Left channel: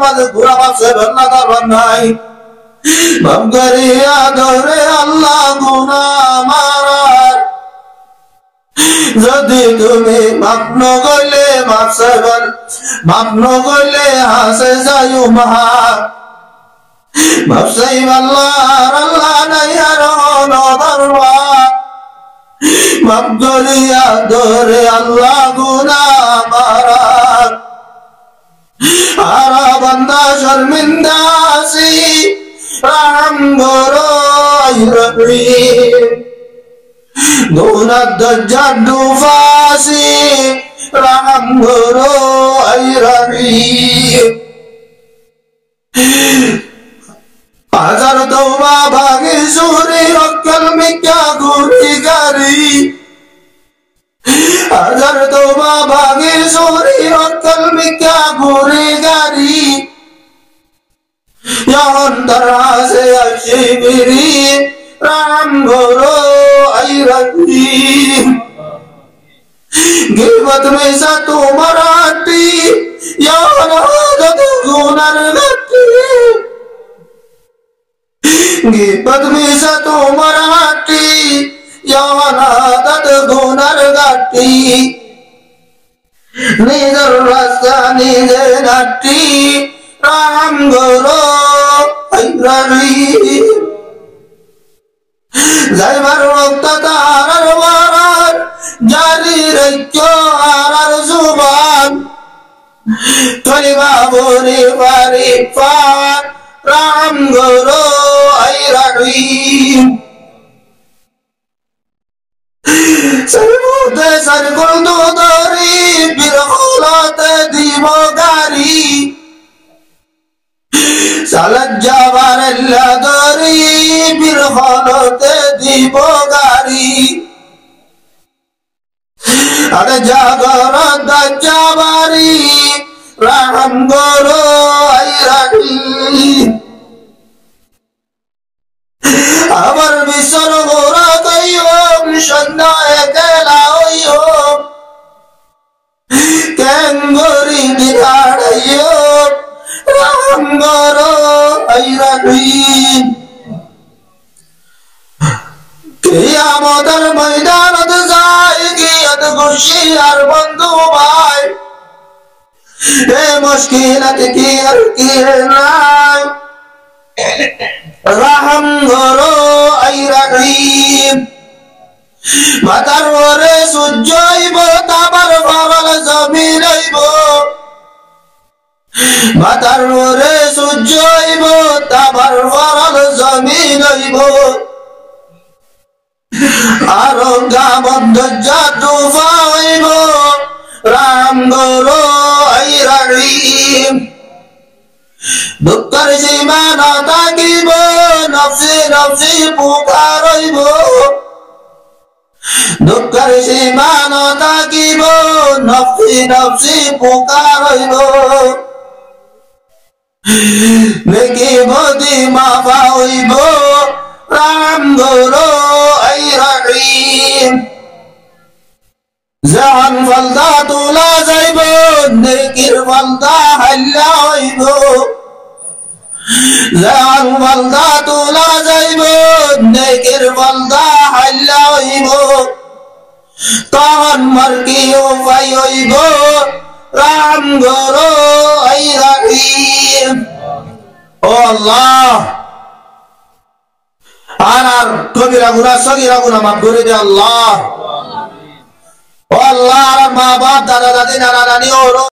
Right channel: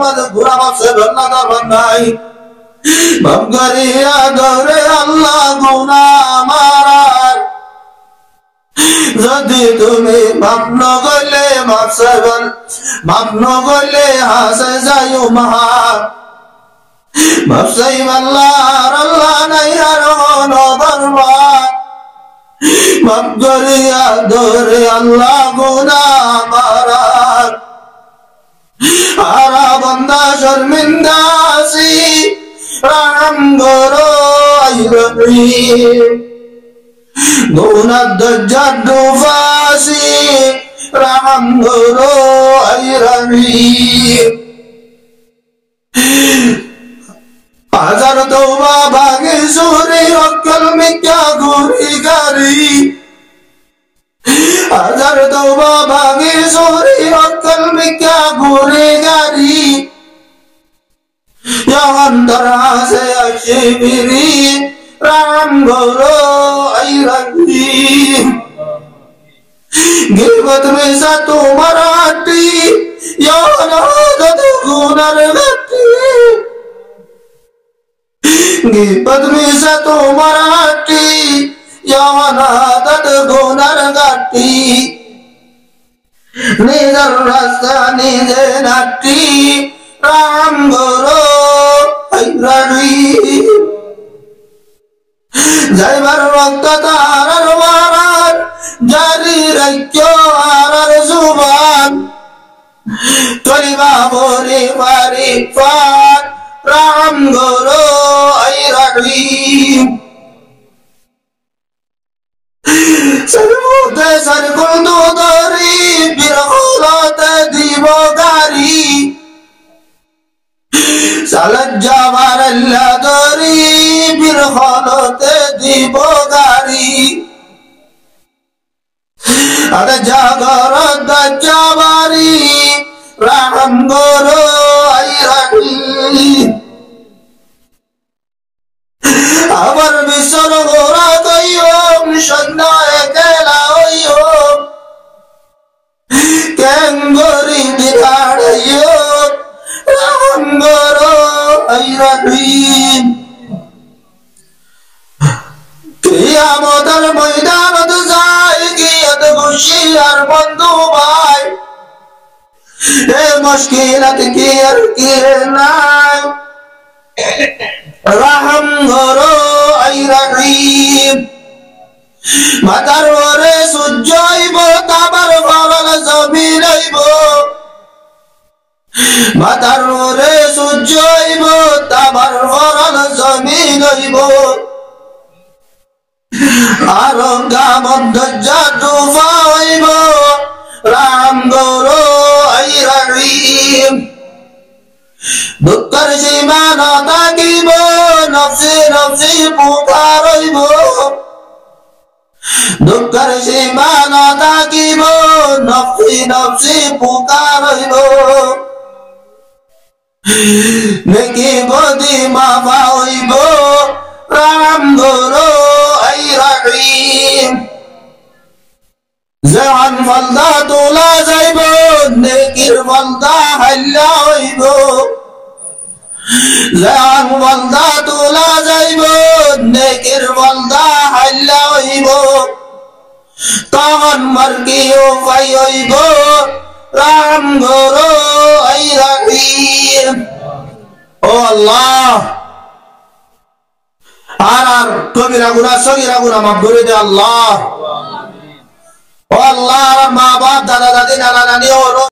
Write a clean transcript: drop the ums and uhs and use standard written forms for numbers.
মাঝে ঘোরা মাপছে ভেল্লা দরবার নাই মাপ করিয়া দরে আল্লাহ গুনাহ মারার যদি তুমি মাপ নগলে মাপ চাইবল মাপ নগলে হাসে যাইও মাহা মাপ চাইব আল্লাহ নাই আর হনো দরবার মাপ করিয়া দরে আল্লাহ গুনাহ মারার আরা বান্দা শর্মিন্দা আছি রহম করো আই রহিম গুনাহ দজ্জাল ডুবাসি রহম করো আই রহিম হাজার তওবা ভাগে সুরে অক্কল মিথ্যা গুনাহগারি হাজার তওবা ভাগে সুরে অক্কল মিথ্যা গুনাহগারি অন্তর হাসে আশিবিরি রাম গরো আই রহিম গিবত মিশা তোমার হাটি ইয়ানাদত গুনার গাটি গিবত মিশা তোমার হাটি ইয়ানাদত গুনার গাটি নিজের রাস্তা নিজে নাটি রাম গরো আই রহিম যাইবার রক্ত তারার ওয়ারার জারি রাখো আরার জুবান চলিবা বরে পারি পার রাম গরো আই রহিম সরমুতে সরকুল দরি বিরখলতে দিব গারি সালাত যাবার আল্লাহ দরি বিরখলতে দিব গারি আদে জাগর দজাবারি রহম গরো আই রহিম আবার বিসর গোরা কইম সন্ধ্যা একলা হইম কেঙ্গরি দিহাড়াইম রহম গরো আই রহিম কিয়ামতের ময়দানত যাই গিয়ত খুশি আর বন্ধু ভাই এ মুশকিলাত কি আর কি নাই রহম গরো আই রহিম মাতার ওরে সূর্য হইব তাবার ফরল জমিন হইব মাতার ওরে সূর্য হইব তাবার ফরল জমিন হইব আর গামদ জাদু হইব রাম গরো আই রহিম দুঃখের সীমা না থাকিব নফসি নফসি পুকার হইব দুঃখের সীমা না থাকিব নফসি নফসি পুকার হইব নেকি বদি মাফা হইব রাম গরো আই রহিম জান ফলদা তোলা যাইব নেকির ফলদা হাল্লা হইব জান ফলদা তোলা যাইব নেকির ফলদা হাল্লা হইব তখন মরকি উপায় হইব রাম গরো আই রহিম ও আল্লাহ আর কবিরা গুনাহ সগীরা গুনাহ মাফ করে দে আল্লাহ ও আল্লাহ আর মা বাপ দাদা দাদি নানা নানি ও